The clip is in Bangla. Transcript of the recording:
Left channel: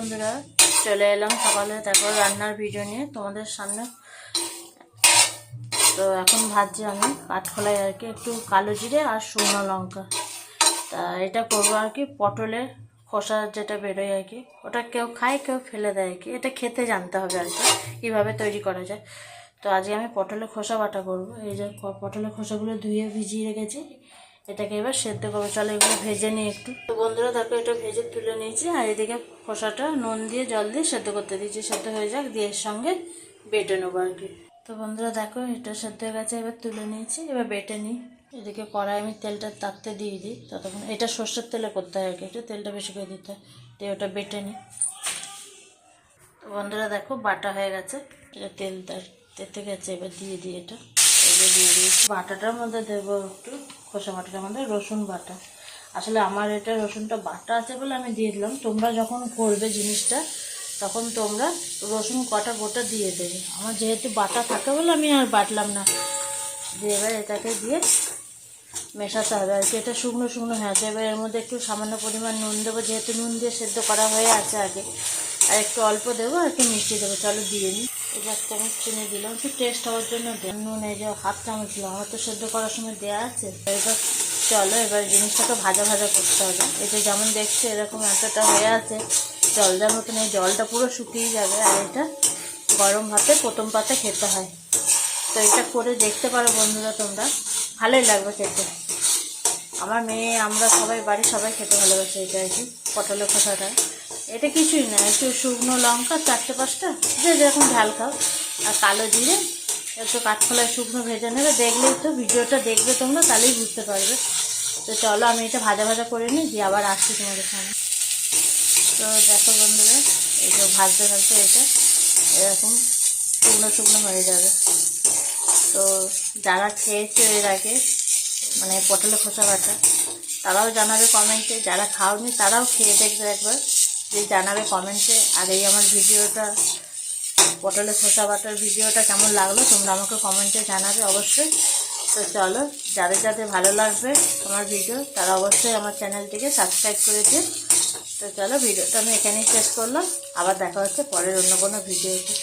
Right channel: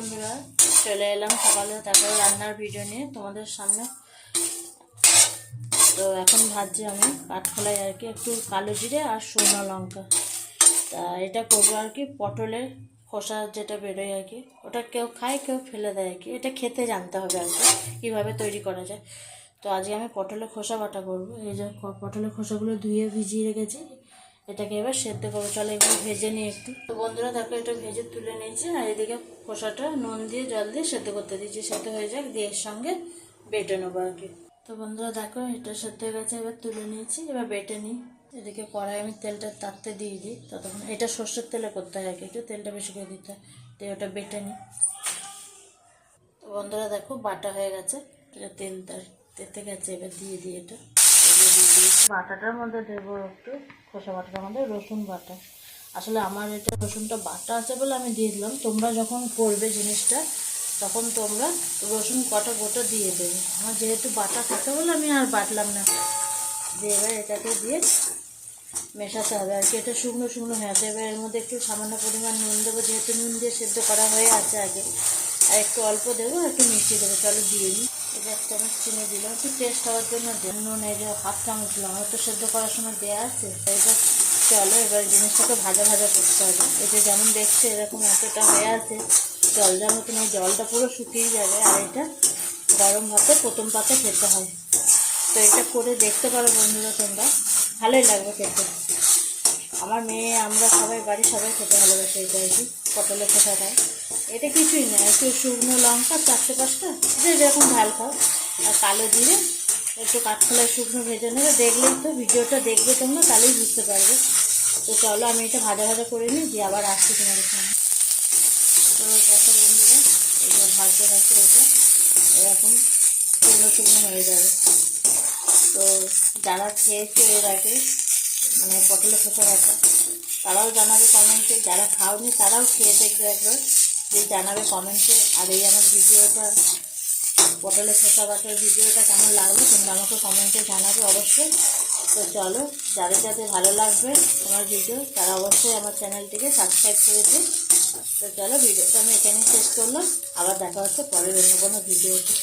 বন্ধুরা, চলে এলাম সকালে তারপর রান্নার ভিডিও নিয়ে তোমাদের সামনে। তো এখন ভাজছি আমি কাঠখোলায় আর কি একটু কালো জিরে আর শুকনো লঙ্কা। তা এটা করবো আর কি পটলের খোসা যেটা বেরোয় আর কি, ওটা কেউ খায় কেউ ফেলে দেয় আর কি, এটা খেতে জানতে হবে আর কি কীভাবে তৈরি করা যায়। তো আজকে আমি পটলের খোসা বাটা করবো। এই যে পটলের খোসাগুলো ধুয়ে ভিজিয়ে রেখেছি, এটাকে এবার সেদ্ধ করবো। চলো এগুলো ভেজে নিই একটু। তো বন্ধুরা দেখো, এটা ভেজে তুলে নিয়েছি আর এদিকে খোসাটা নুন দিয়ে জল দিয়ে সেদ্ধ করতে দিয়েছি। সেদ্ধ হয়ে যাক, দিয়ে এর সঙ্গে বেটে নেবো আর কি। তো বন্ধুরা দেখো, এটা সেদ্ধ হয়ে গেছে, এবার তুলে নিয়েছি, এবার বেটে নিই। এদিকে কড়াই আমি তেলটা তাপতে দিয়ে দিই। ততক্ষণ এটা সর্ষের তেলে করতে হয় আর কি, একটু তেলটা বেশি করে দিতে হয়, দিয়ে ওটা বেটে নিই। তো বন্ধুরা দেখো, বাটা হয়ে গেছে, এটা তেলটা তেতে গেছে, এবার দিয়ে দিই এটা। দিয়ে দিই বাটাটার মধ্যে দেবো একটু, খোসা বাটাটার মধ্যে রসুন বাটা। আসলে আমার এটা রসুনটা বাটা আছে বলে আমি দিয়ে দিলাম। তোমরা যখন করবে জিনিসটা তখন তোমরা রসুন কটা গোটা দিয়ে দেবে। আমার যেহেতু বাটা থাকে বলে আমি আর বাটলাম না। দিয়ে এবার এটাকে দিয়ে মেশাতে হবে আর কি। এটা শুকনো শুকনো হয়ে আছে, এবার এর মধ্যে একটু সামান্য পরিমাণ নুন দেবো, যেহেতু নুন দিয়ে সেদ্ধ করা হয়ে আছে আগে। আর একটু অল্প দেবো আর একটু মিষ্টি দেবো। চলো দিয়ে নিই। এই যে 1 চামচ চিনি দিলাম, একটু টেস্ট হওয়ার জন্য। নুন এই যে 1/2 চামচ দিলাম, আমার তো সেদ্ধ করার সময় দেওয়া আছে। এবার চলো এবার জিনিসটাকে ভাজা ভাজা করতে হবে। এই যে যেমন দেখছে এরকম এতটা হয়ে আছে, জল দেওয়ার মতন। এই জলটা পুরো শুকিয়ে যাবে। আর এটা গরম ভাতে প্রথম পাতে খেতে হয়। তো এটা করে দেখতে পারো বন্ধুরা তোমরা, ভালোই লাগবে খেতে। আমার মেয়ে, আমরা সবাই বাড়ির সবাই খেতে ভালোবাসে এটা আর কি, পটলের খোসাটা। এটা কিছুই না, একটু শুকনো লঙ্কা 4-5টা, যে যেরকম ঝাল খাও, আর কালো জিরে, একটু কাঠখোলায় শুকনো ভেজে নেবে। দেখলেই তো, ভিডিওটা দেখবে তোমরা, তাহলেই বুঝতে পারবে। তো চলো আমি এটা ভাজা ভাজা করে নিই, দিয়ে আবার আসছি তোমাদের সামনে। তো দেখো বন্ধুরা, এই যে ভাজতে ভাজতে এটা এরকম শুকনো শুকনো হয়ে যাবে। তো যারা খেয়েছো এর আগে মানে পটলের খোসা বাটা, তারাও জানাবে কমেন্টে। যারা খাওনি তারাও খেয়ে দেখবে একবার, যে জানাবে কমেন্টে। আর এই আমার ভিডিওটা, পটলের খোসা বাটার ভিডিওটা কেমন লাগলো তোমরা আমাকে কমেন্টে জানাবে অবশ্যই। তো চলো, যাদের যাদের ভালো লাগবে আমার ভিডিও, তারা অবশ্যই আমার চ্যানেলটিকে সাবস্ক্রাইব করে দিন। তো চলো, ভিডিওটা আমি এখানেই শেষ করলাম। আবার দেখা হচ্ছে পরের অন্য কোনো ভিডিওতে।